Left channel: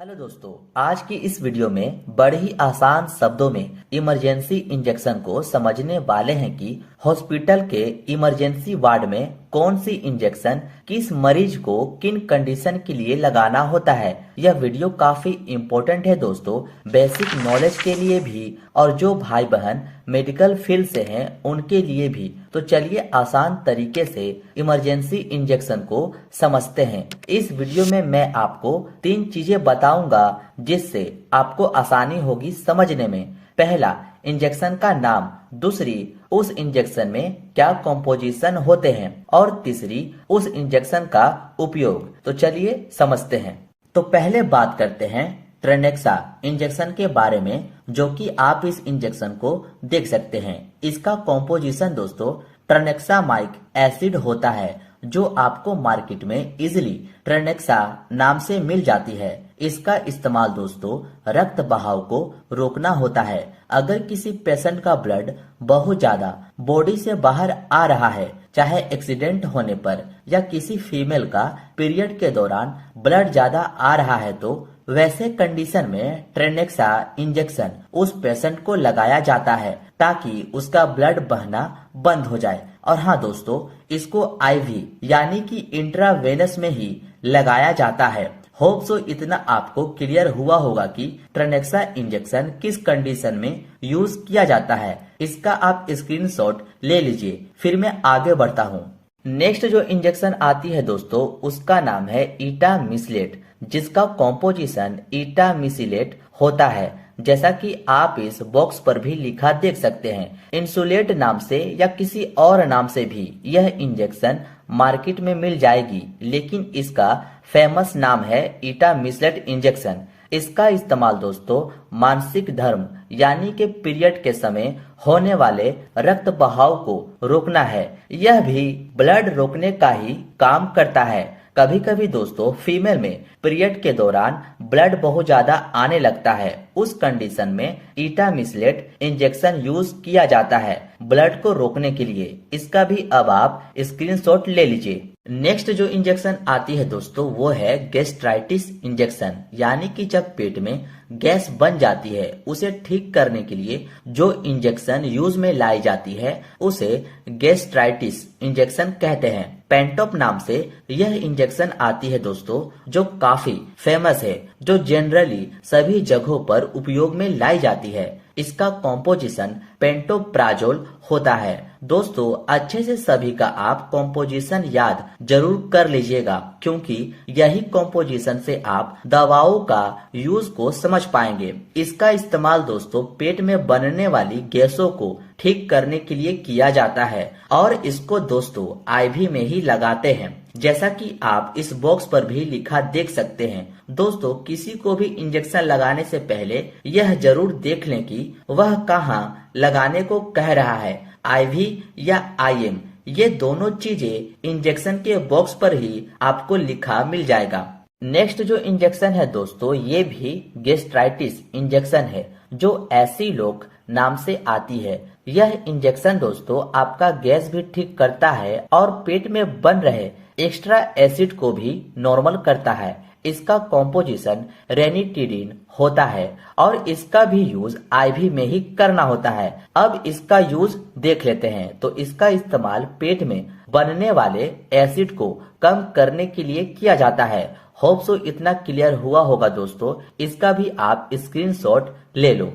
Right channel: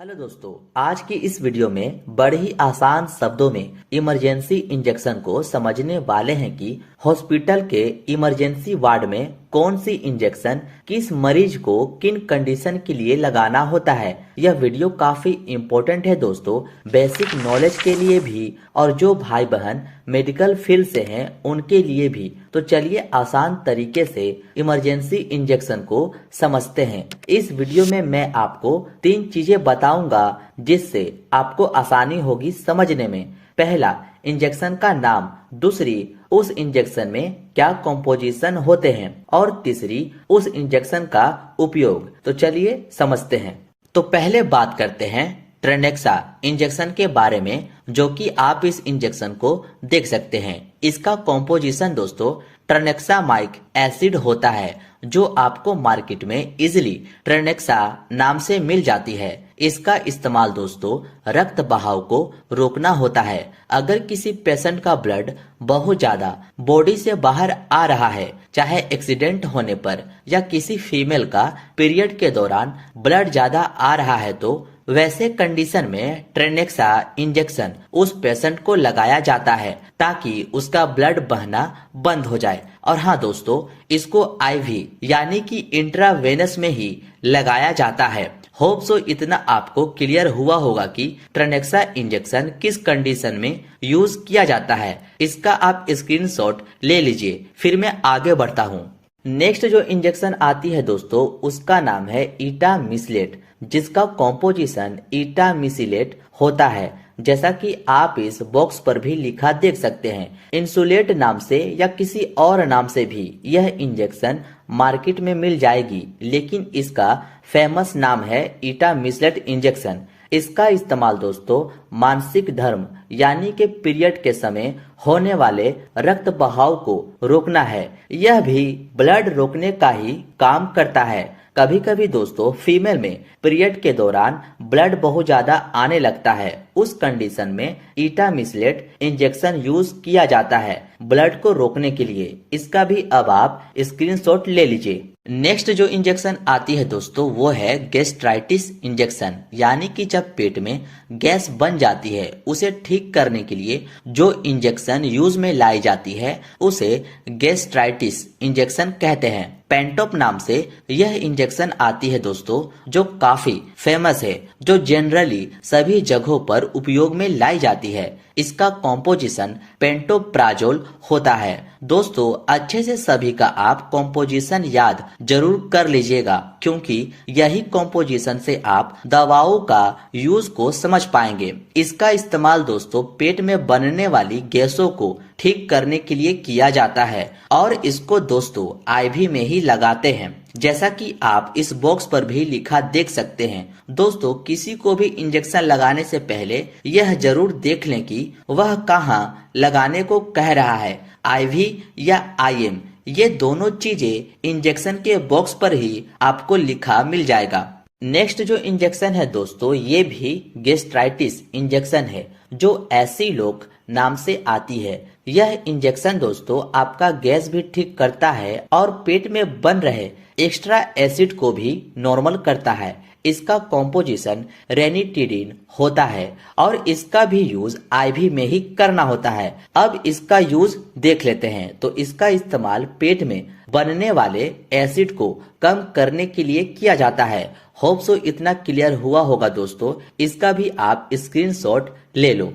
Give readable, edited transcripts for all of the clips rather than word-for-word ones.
Hello दोस्तों, आज की इस वीडियो में बड़े ही आसान शब्दों में इमरजेंसी इंजेक्शन को समझने वाले हैं कि हॉस्पिटल के इमरजेंसी वार्ड में कौन सी इंजेक्शन किस मरीज को किन कंडीशन के लिए लगाना होता है। यह वीडियो काफी इम्पोर्टेंट है दोस्तों, बेसिक नॉलेज के लिए भी और जो भाई बहन मेडिकल फील्ड से हैं उनके लिए भी। तो चलिए आसान तरीके से इमरजेंसी इंजेक्शन को समझते हैं। इस वीडियो में मैं आपको 3 चीजें बताऊंगा जिससे आपको आसानी होगी समझने में। पहला, इंजेक्शन का नाम। दूसरी, उस इंजेक्शन में क्या कॉम्पोजिशन होते हैं। और तीसरी, उस इंजेक्शन का उपयोग। तो चलिए समझते हैं। तो पहले बात करते हैं ट्रेनेक्सा इंजेक्शन के बारे में, जो कि आप इस इंजेक्शन को देख सकते हैं। इसका कॉम्पोजिशन दोस्तों ट्रेनेक्सामाइक एसिड होता है, जो आपको मार्केट में इजिली ट्रेनेक्सा नाम से मिल जाती है। इसका इस्तेमाल दोस्तों रक्त बहाव को रोकना होता है। अगर किसी पेशेंट का ब्लड बहुत ज्यादा बॉडी से बाहर आ रहा है, चाहे एक्सीडेंट होने पर या किसी फीमेल का पीरियड के दौरान ब्लड ज्यादा आ रहा है, तो वैसे कंडीशन में ट्रेनेक्सा इंजेक्शन उस पेशेंट को लगाया जाता है ताकि उसका ब्लड बहना बंद हो जाए। और हाँ दोस्तों, इसको आईवी यानी कि इंट्रावेनस में ही लगाया जाता है। होप सो इतना आपको क्लियर हुआ होगा कि ट्रेनेक्सा इंजेक्शन किस कंडीशन में यूज किया जाता है। इसका आप स्क्रीनशॉट ले लीजिए, फिर मैं आगे बढ़ता हूँ। नेक्स्ट जो इंजेक्शन आती है दोस्तों, उसका नाम है इटामिसिलेट, जिसका कॉम्पोजिशन इटामिसिलेट होता है, जैसा कि आप इस बॉक्स पर भी लिखा देख सकते हैं। इंसुलेट नाम से या किसी और नाम से भी यह इंजेक्शन मार्केट में मिल जाएगी, लेकिन इसका फेमस नाम है इटामिसिलेट इंजेक्शन। इसका इस्तेमाल दोस्तों मानसिक धर्म यानी कि पीरियड के समय होने वाले रक्त बहाव को रोकना है। यह भी ब्लड रोकने का ही काम करता है। कभी कभी दोस्तों फीमेल में पीरियड के दौरान ब्लड बहुत ज्यादा आने लगता है, उस कंडीशन में इटामिसिलेट इंजेक्शन यूज किया जाता है ब्लड को रोकने के लिए। इसका भी अब आप स्क्रीनशॉट ले लीजिए। नेक्स्ट जो इंजेक्शन आती है दोस्तों, वो है गैस्ट्राइटिस इंजेक्शन, यानी कि जब पेट में गैस बन जाती है उसे ठीक करने के लिए जो इंजेक्शन यूज में लाई जाती है उसे गैस्ट्राइटिस इंजेक्शन कहते हैं। पेंटोप नाम से यह इंजेक्शन आती है दोस्तों, जो काफी फेमस है, जो जनरली सभी जगहों पर उपयोग में लाई जाती है। इसका कॉम्पोजिशन पेंटोप्राजोल होता है। दोस्तों अच्छे से सभी का आप कॉम्पोजिशन याद जरूर कर लीजिएगा, क्योंकि यही कॉम्पोजिशन से आप दवाओं का यूज को समझ पाएंगे। इसका इस्तेमाल दोस्तों पेट में बनने वाली गैसों को ठीक करने के लिए किया जाता है और इसको दोस्तों आईवी में ही लगाते हैं, जैसा कि आप इस बॉक्स पर भी लिखा देख सकते हैं। दोस्तों किसी को भी इंजेक्शन लगाने से पहले यह जरूर देख लें कि वह कहां लगाने को कह रहा है, आईवी या आईएम। ये दोनों चीजें इंजेक्शन के बॉक्स पर ही आपको लिखा मिल जाएगा। नेक्स्ट जो इंजेक्शन है दोस्तों, ये भी गैस्ट्राइटिस इंजेक्शन है, जो एसिलोक नाम से आती है। यह इंजेक्शन दोस्तों आपका गैस भी ठीक करता है और पेट में बन रहे एक्स्ट्रा एसिड को भी नॉर्मल करता है। इसका कॉम्पोजिशन रेनिटिडिन होता है और इसका भी यूज आईवी में ही करना होता है। अब इसका यूज देख लेते हैं। तो इसका इस्तेमाल पेट में बनने वाले एसिड को कम करने के लिए किया जाता है। होप सो इतना क्लियर हुआ होगा दोस्तों, इसका भी आप स्क्रीनशॉट ले लो।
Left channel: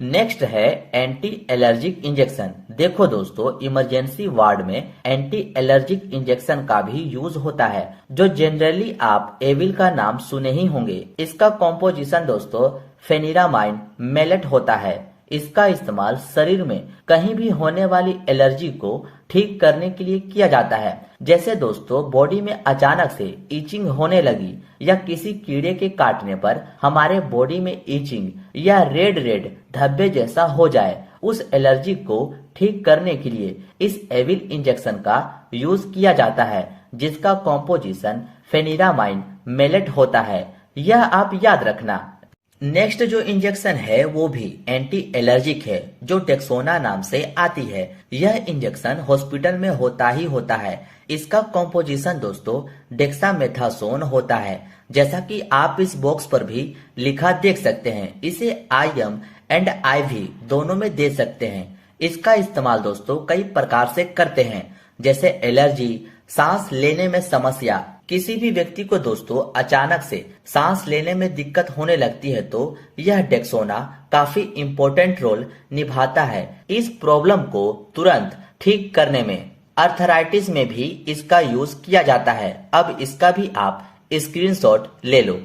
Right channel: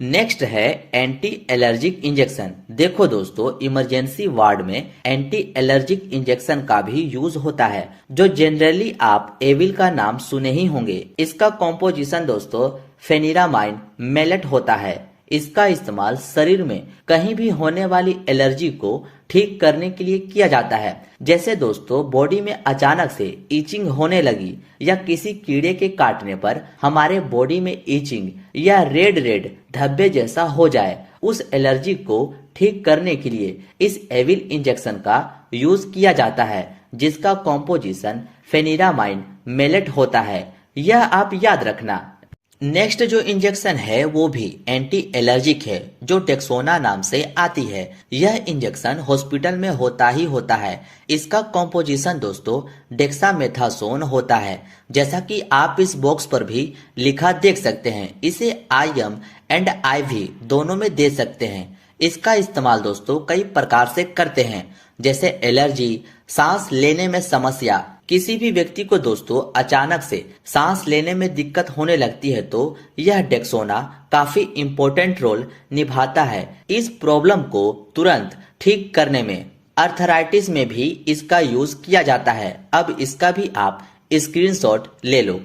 नेक्स्ट है एंटी एलर्जिक इंजेक्शन। देखो दोस्तों इमरजेंसी वार्ड में एंटी एलर्जिक इंजेक्शन का भी यूज होता है, जो जनरली आप एविल का नाम सुने ही होंगे। इसका कॉम्पोजिशन दोस्तों फेनिरामाइन मेलेट होता है। इसका इस्तेमाल शरीर में कहीं भी होने वाली एलर्जी को ठीक करने के लिए किया जाता है। जैसे दोस्तों बॉडी में अचानक से ईचिंग होने लगी या किसी कीड़े के काटने पर हमारे बॉडी में ईचिंग या रेड रेड धब्बे जैसा हो जाए, उस एलर्जी को ठीक करने के लिए इस एविल इंजेक्शन का यूज किया जाता है, जिसका कॉम्पोजिशन फेनिरामाइन मेलेट होता है। यह आप याद रखना। नेक्स्ट जो इंजेक्शन है वो भी एंटी एलर्जिक है, जो डेक्सोना नाम से आती है। यह इंजेक्शन हॉस्पिटल में होता ही होता है। इसका कॉम्पोजिशन दोस्तों डेक्सामेथासोन होता है, जैसा कि आप इस बॉक्स पर भी लिखा देख सकते हैं। इसे IM एंड IV दोनों में दे सकते हैं। इसका इस्तेमाल दोस्तों कई प्रकार से करते हैं, जैसे एलर्जी, सांस लेने में समस्या। किसी भी व्यक्ति को दोस्तों अचानक से सांस लेने में दिक्कत होने लगती है तो यह डेक्सोना काफी इम्पोर्टेंट रोल निभाता है इस प्रॉब्लम को तुरंत ठीक करने में। अर्थराइटिस में भी इसका यूज किया जाता है। अब इसका भी आप स्क्रीनशॉट ले लो।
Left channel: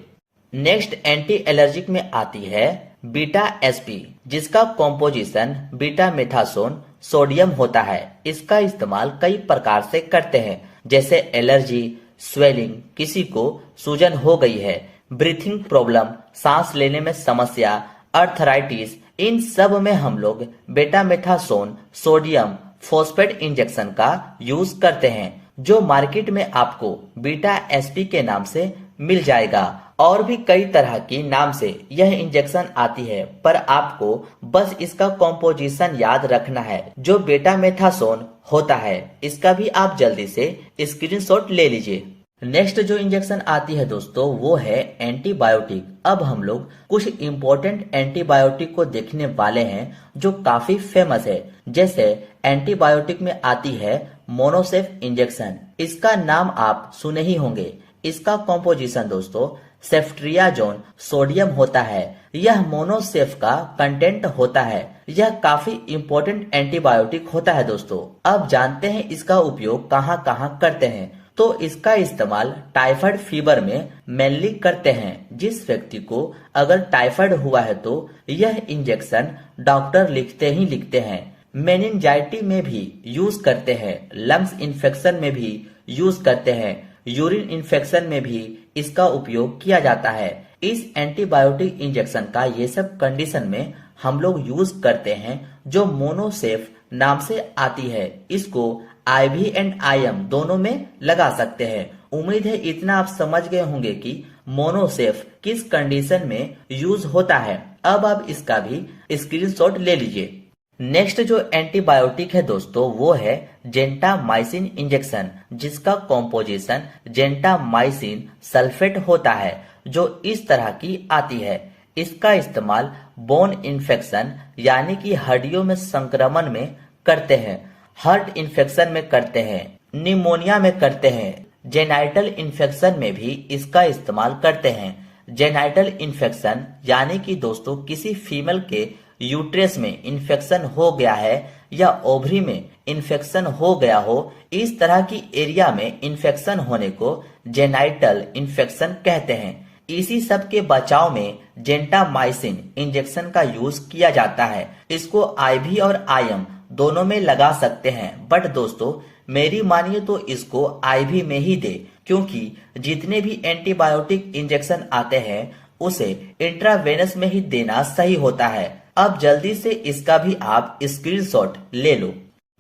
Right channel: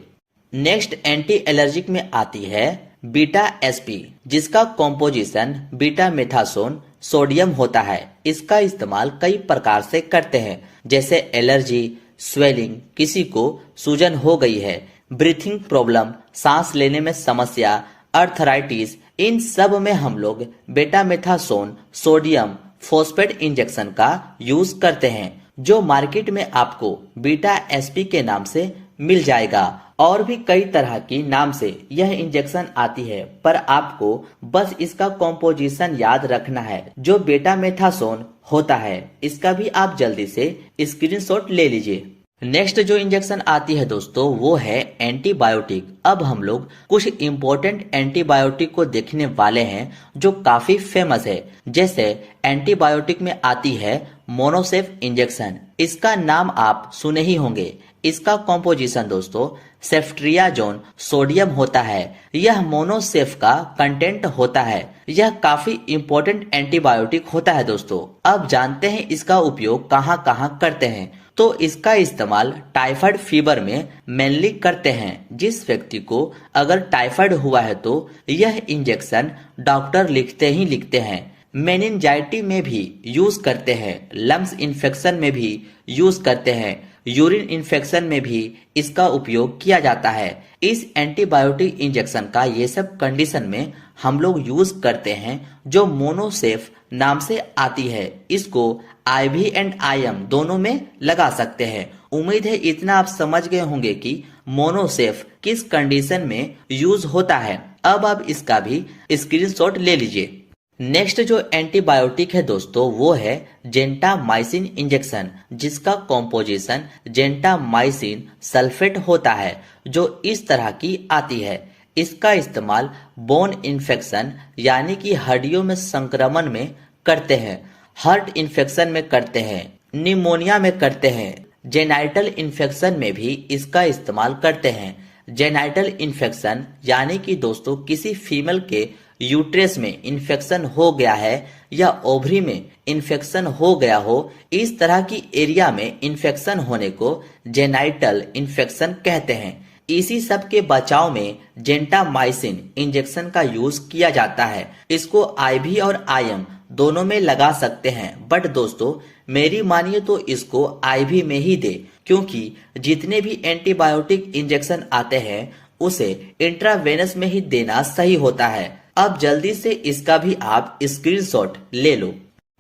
नेक्स्ट एंटी एलर्जिक में आती है बीटा SP, जिसका कॉम्पोजिशन बीटा मेथासोन सोडियम होता है। इसका इस्तेमाल कई प्रकार से करते हैं, जैसे एलर्जी, स्वेलिंग, किसी को सूजन हो गई है, ब्रीथिंग प्रॉब्लम, सांस लेने में समस्या, अर्थराइटिस, इन सब में हम लोग बेटामेथासोन सोडियम फॉस्फेट इंजेक्शन का यूज करते हैं, जो मार्केट में आपको बीटा SP के नाम से मिल जाएगा। और भी कई तरह की नाम से यह इंजेक्शन आती है, पर आपको बस इसका कॉम्पोजिशन याद रखना है, जो बेटामेथासोन होता है। इसका भी आप जल्दी से स्क्रीनशॉट ले लीजिए। नेक्स्ट जो इंजेक्शन आती है दोस्तों वो है एंटीबायोटिक। अब हम लोग कुछ इम्पोर्टेंट एंटीबायोटिक को देखने वाले हैं जो काफी फेमस है। जैसे एंटीबायोटिक में आती है मोनोसेफ इंजेक्शन। इसका नाम आप सुने ही होंगे। इसका कॉम्पोजिशन दोस्तों सेफ्ट्रियाजोन सोडियम होता है। यह मोनोसेफ का कंटेंट होता है। यह काफी इम्पोर्टेंट एंटीबायोटिक होता है दोस्तों। अब जानते हैं इसका उपयोग कहाँ कहाँ करते हैं। तो इसका इस्तेमाल टाइफाइड फीवर में मेनली करते हैं। जिस व्यक्ति को अगर टाइफाइड हुआ है तो यह इंजेक्शन डॉक्टर लिखते ही लिखते हैं। मेनिंजाइटी में भी यूज करते हैं, लंग्स इन्फेक्शन में भी यूज करते हैं, यूरिन इन्फेक्शन में भी इसका उपयोग किया जाता है। इस एंटीबायोटिक इंजेक्शन का ये सब कंडीशन में हम लोग यूज करते हैं, जो मोनोसेफ नाम से आती है। इसको IV एंड IM दोनों में लगा सकते हैं। उम्मीद है इतना आप समझ गए होंगे कि मोनोसेफ किस कंडीशन में यूज होता है। अब आप इसका भी स्क्रीनशॉट ले लीजिए। नेक्स्ट जो एंटीबायोटिक है दोस्तों वो है जेंटामाइसिन इंजेक्शन, जिसका कॉम्पोजिशन जेंटामाइसिन सल्फेट होता है, जो इस तरह की आती है। इसका इस्तेमाल बोन इन्फेक्शन यानी कि हड्डियों में संक्रमण में करते हैं, हार्ट इन्फेक्शन में करते हैं, निमोनिया में करते हैं, जेनाइटल इन्फेक्शन में भी इसका इस्तेमाल करते हैं। जेनाइटल इन्फेक्शन यानी कि दोस्तों किसी फीमेल के यूट्रस में इन्फेक्शन हो गया है या ओवरी में इन्फेक्शन हो गया हो, इस तरह की एरिया में इन्फेक्शन होने को जेनाइटल इन्फेक्शन कहते हैं। इसी सब के बचाव में जेंटामाइसिन इंजेक्शन का यूज किया जाता है। इसको IV और IM दोनों में लगा सकते हैं, बट दोस्तों मेरी मानिए तो इसको IV में ही दे, क्योंकि जितने भी एंटीबायोटिक इंजेक्शन आते हैं उसे इंट्रावेनस में ही देना सही होता है। अब जल्दी से इसका भी आप स्क्रीनशॉट ले लो।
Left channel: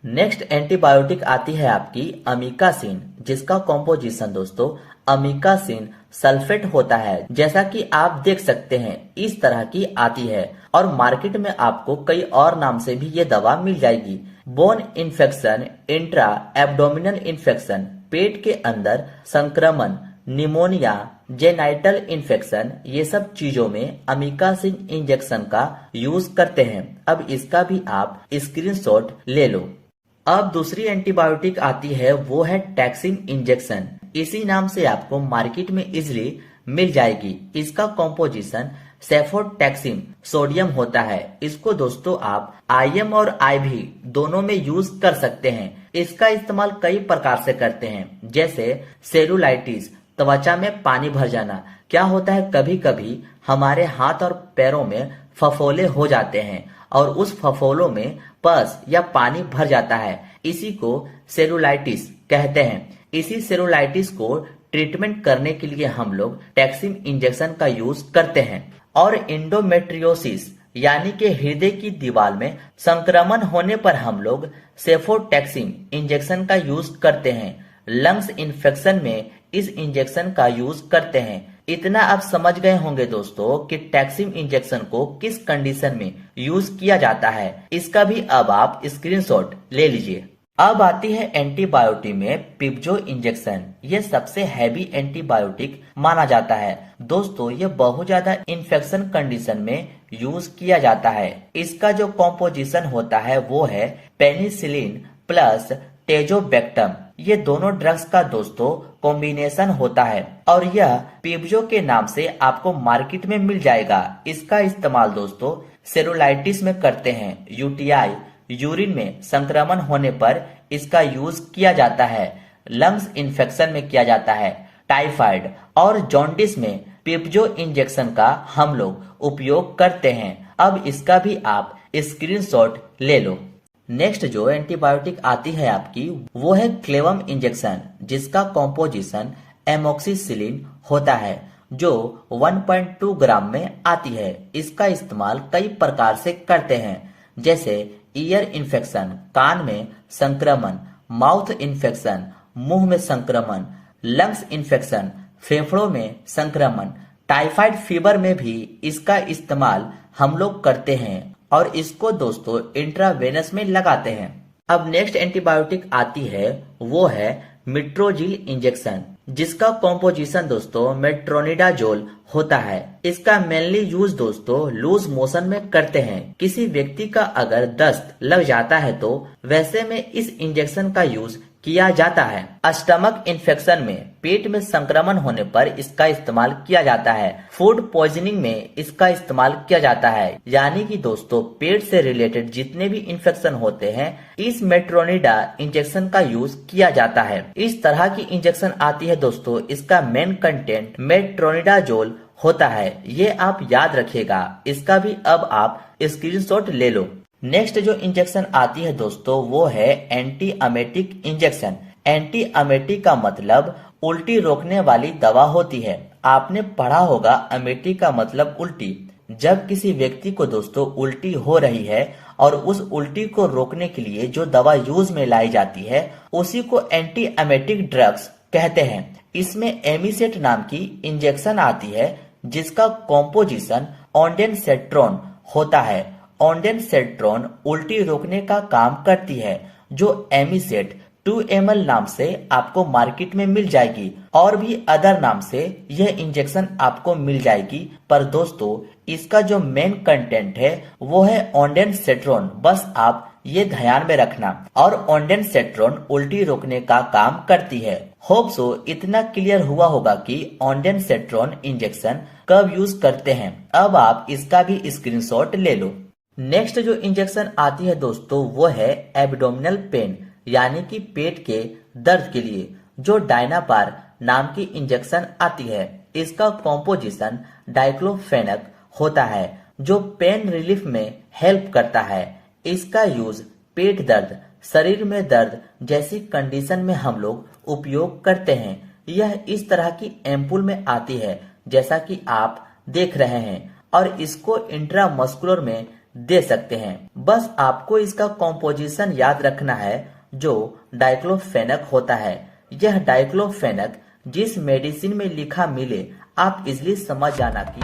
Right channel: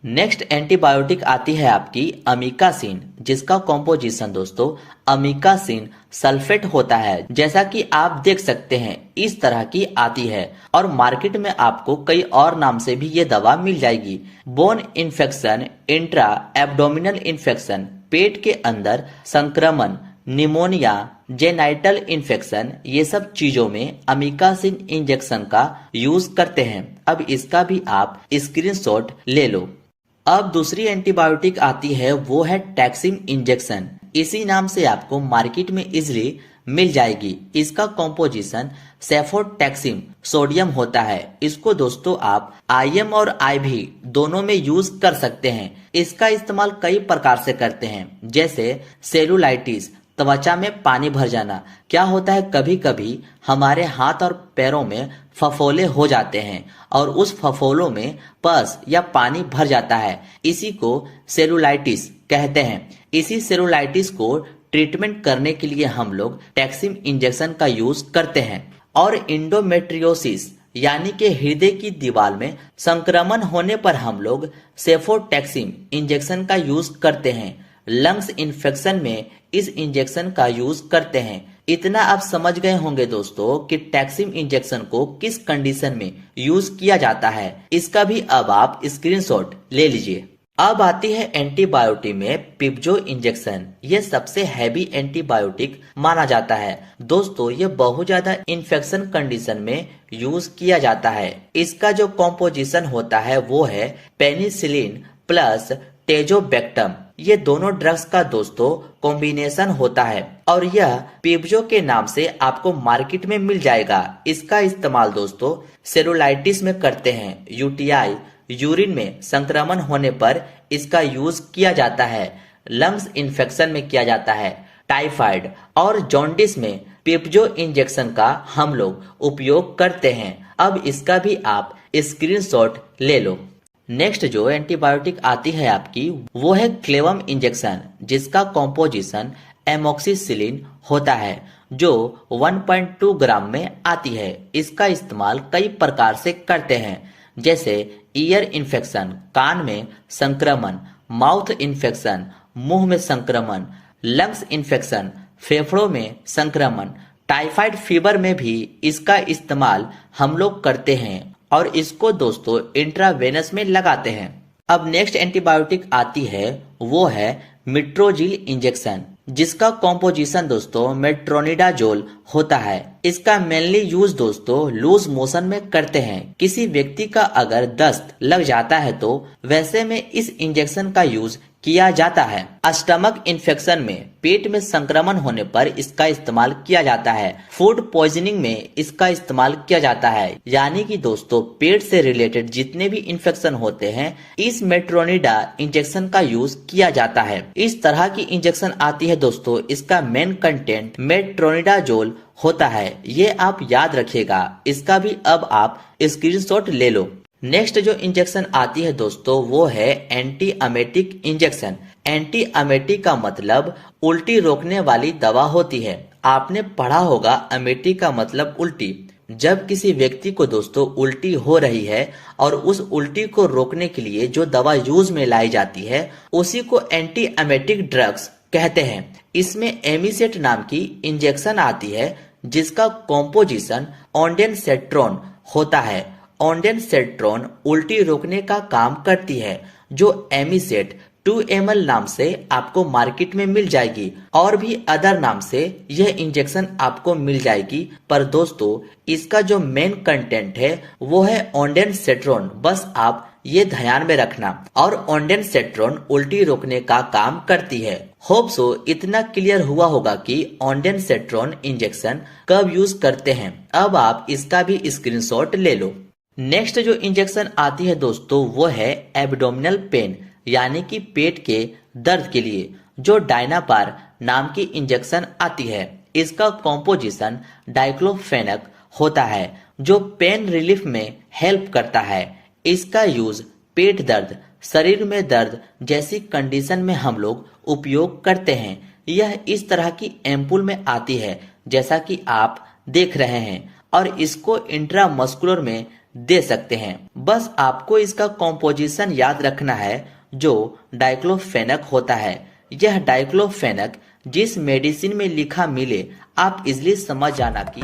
नेक्स्ट एंटीबायोटिक आती है आपकी अमीकासिन, जिसका कॉम्पोजिशन दोस्तों अमीकासिन सल्फेट होता है। जैसा कि आप देख सकते हैं इस तरह की आती है, और मार्केट में आपको कई और नाम से भी ये दवा मिल जाएगी। Bone infection, intra abdominal infection, पेट के अंदर संक्रमण, निमोनिया, जेनाइटल इन्फेक्शन, ये सब चीजों में अमीकासिन इंजेक्शन का यूज करते हैं। अब इसका भी आप स्क्रीनशॉट ले लो। अब दूसरी एंटीबायोटिक आती है वो है टैक्सिम इंजेक्शन। इसी नाम से आपको मार्केट में इजिली मिल जाएगी। इसका कॉम्पोजिशन सेफोटैक्सिम सोडियम होता है। इसको दोस्तों आप IM और IV दोनों में यूज कर सकते हैं। इसका इस्तेमाल कई प्रकार से करते हैं, जैसे सेलुलाइटिस, त्वचा में पानी भर जाना। क्या होता है कभी कभी हमारे हाथ और पैरों में फफोले हो जाते हैं और उस फफोलों में पस या पानी भर जाता है, इसी को सेलुलाइटिस कहते हैं। इसी सेलुलाइटिस को ट्रीटमेंट करने के लिए हम लोग टैक्सिम इंजेक्शन का यूज करते हैं। और इंडोमेट्रियोसिस यानी कि हृदय की दीवार में संक्रमण होने पर हम लोग सेफोटैक्सिम इंजेक्शन का यूज करते हैं। लंग्स इन्फेक्शन में इस इंजेक्शन का यूज करते हैं। इतना आप समझ गए होंगे दोस्तों कि टैक्सिम इंजेक्शन को किस कंडीशन में यूज किया जाता है, इसका भी अब आप स्क्रीनशॉट ले लीजिए। अब आती है एंटीबायोटिक में पिप्जो इंजेक्शन। ये सबसे हैवी एंटीबायोटिक माना जाता है दोस्तों। ये बहुत ज्यादा इन्फेक्शन कंडीशन में यूज किया जाता है। इसका जो कॉम्पोजिशन होता है वो है पेनिसिलिन प्लस टेजोबैक्टम। ये दोनों ड्रग्स का दोस्तों कॉम्बिनेशन होता है और यह पिप्जो के नाम से आपको मार्केट में मिल जाएगा। इसका इस्तेमाल दोस्तों सेरुलाइटिस में करते हैं। यूटीआई यूरिन में संक्रमण होने पर इसका यूज किया जाता है। लंग्स इन्फेक्शन में किया जाता है। टाइफाइड और जॉन्डिस में पिप्जो इंजेक्शन का हम लोग उपयोग करते हैं। अब इसका भी आप स्क्रीनशॉट ले लो। नेक्स्ट जो एंटीबायोटिक आती है आपकी वो है क्लेवम इंजेक्शन, जिसका कॉम्पोजिशन एमोक्सिसिलिन होता है जो 1.2 ग्राम में आती है। इसका इस्तेमाल कई प्रकार से करते हैं, जैसे ईयर इन्फेक्शन, कान में संक्रमण, माउथ इन्फेक्शन, मुंह में संक्रमण, लंग्स इन्फेक्शन, फेफड़ों में संक्रमण, टाइफाइड फीवर में भी इसका इस्तेमाल हम लोग करते हैं और इसको दोस्तों इंट्रावेनस में लगाते हैं। अब नेक्स्ट एंटीबायोटिक आती है वो है मेट्रोजिल इंजेक्शन, जिसका कॉम्पोजिशन दोस्तों मेट्रोनिडाजोल होता है। इसका मेनली यूज दोस्तों लूज मोशन में करते हैं। किसी व्यक्ति का अगर दस्त लग जाता है तो वैसे में इस इंजेक्शन का यूज किया जाता है। स्टमक इन्फेक्शन में, पेट में संक्रमण होने पर इसका इस्तेमाल किया जाता है। फूड पॉइजनिंग में इसका इस्तेमाल किया जाता है। यानी कि दोस्तों पेट से रिलेटेड जितने भी इन्फेक्शन होते हैं इस मेट्रोनिडा इंजेक्शन का यूज किया जाता है। इस तरह की इंजेक्शन आती है दोस्तों, इसका मेन कंटेंट मेट्रोनिडाजोल होता है। ये आप याद रखिएगा। इसका भी अब आप स्क्रीनशॉट ले लो। नेक्स्ट जो इंजेक्शन आती है दोस्तों वो है एंटी अमेटिक इंजेक्शन। एंटी अमेटिक का मतलब उल्टी रोकने वाली दवा होती है। आपने पढ़ा होगा अमेटिक का मतलब उल्टी। जब किसी व्यक्ति को दोस्तों उल्टी हो रही है और उस उल्टी को रोकने के लिए जो दवा यूज में लाई जाती है उसी को एंटी अमेटिक ड्रग्स कहते हैं। इसमें एमिसेट नाम की इंजेक्शन आती है जिसका कॉम्पोजिशन ऑन्डेनसेट्रोन होता है। ऑन्डेनसेट्रोन उल्टी रोकने का काम करती है, जो एमिसेट 2 ml नाम से आपको मार्केट में मिल जाएगी और भी अदर नाम से यह इंजेक्शन आपको मिल जाएगी। पर दोस्तों इसका जो मेन कंटेंट है वो है ऑन्डेनसेट्रोन। बस आप ये ध्यान में रखना। और ऑन्डेनसेट्रोन उल्टी रोकने का काम करती है। होप सो इतना क्लियर हुआ होगा कि ऑन्डेनसेट्रोन इंजेक्शन कब यूज करते हैं। अब आप इसका भी स्क्रीनशॉट ले लो। नेक्स्ट जो इंजेक्शन आती है दोस्तों वो है एब्डोमिनल पेन, यानी कि पेट के दर्द के लिए, जो डायनापार नाम की इंजेक्शन आती है। इसका कॉम्पोजिशन डाइक्लोफेनक होता है जो पेन रिलीफ में हेल्प करता है। इसका यूज पेट दर्द, शरीर में दर्द जैसी कंडीशन में हम लोग उपयोग करते हैं। यह इस तरह की एम्पुल में आती है जैसा कि आप देख रहे हैं और इसको इंट्रामस्कुलर में दे सकते हैं। बस आपको इसका कॉम्पोजिशन याद रखना है जो डाइक्लोफेनक होता है। यह डाइक्लोफेनक जिस मेडिसिन में लिखा मिले आप इजिली समझ जाना कि